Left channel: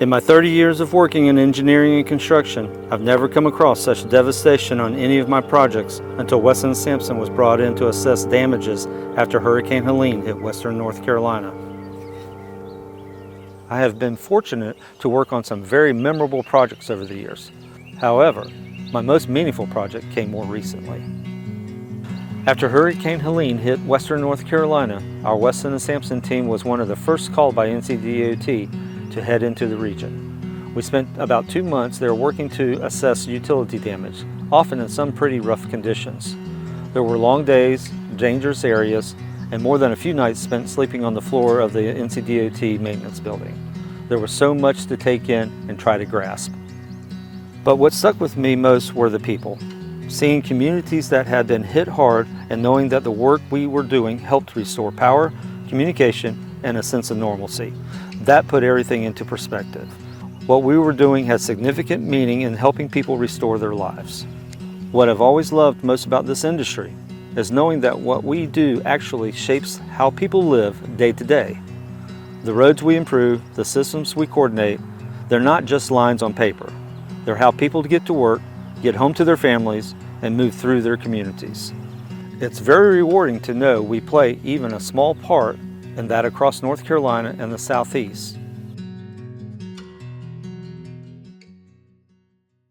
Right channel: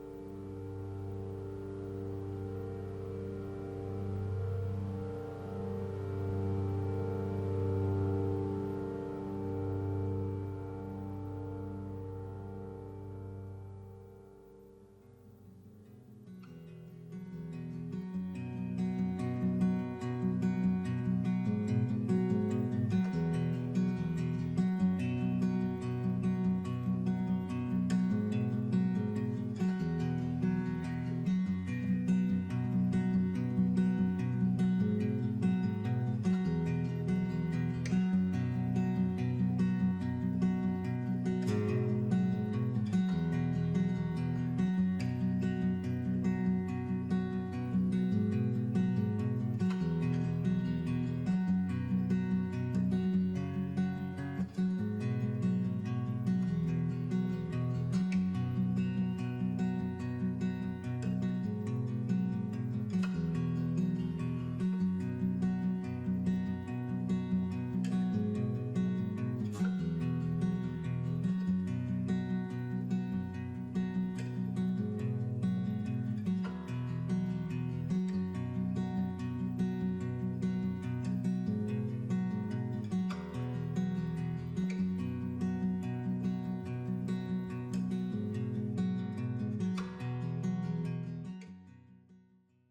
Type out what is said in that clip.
In my 30 years of working in engineering and construction, I've never come across such devastation on any of my projects until Weston Sampson was brought in to assess damages after Hurricane Helene hit western North Carolina. I have been fortunate to work on some very memorable projects over the years. However, my most meaningful project came more recently. After Hurricane Helene hit western North Carolina, our Weston Sampson team was one of the first called by NCDOT to head into the region. We spent about 2 months there working to assess utility damage, often in some pretty rough conditions. There were long days, dangerous areas, and more than a few nights spent sleeping on the floor of the NCDOT maintenance building. There was so much to take in and try to grasp. But what stuck with me most were the people. Seeing communities that had been hit hard and knowing that the work we were doing helped restore power, communication, and a sense of normalcy. That put everything into perspective. What we were doing had significant meaning in helping people restore their lives. What I've always loved most about this industry is knowing that what we do actually shapes how people live day to day. The roads we improve, the systems we coordinate, they're not just lines on paper. They're how people get to work, get home to their families, and move through their communities. It's very rewarding to know we play even a small part in that across North Carolina and the Southeast.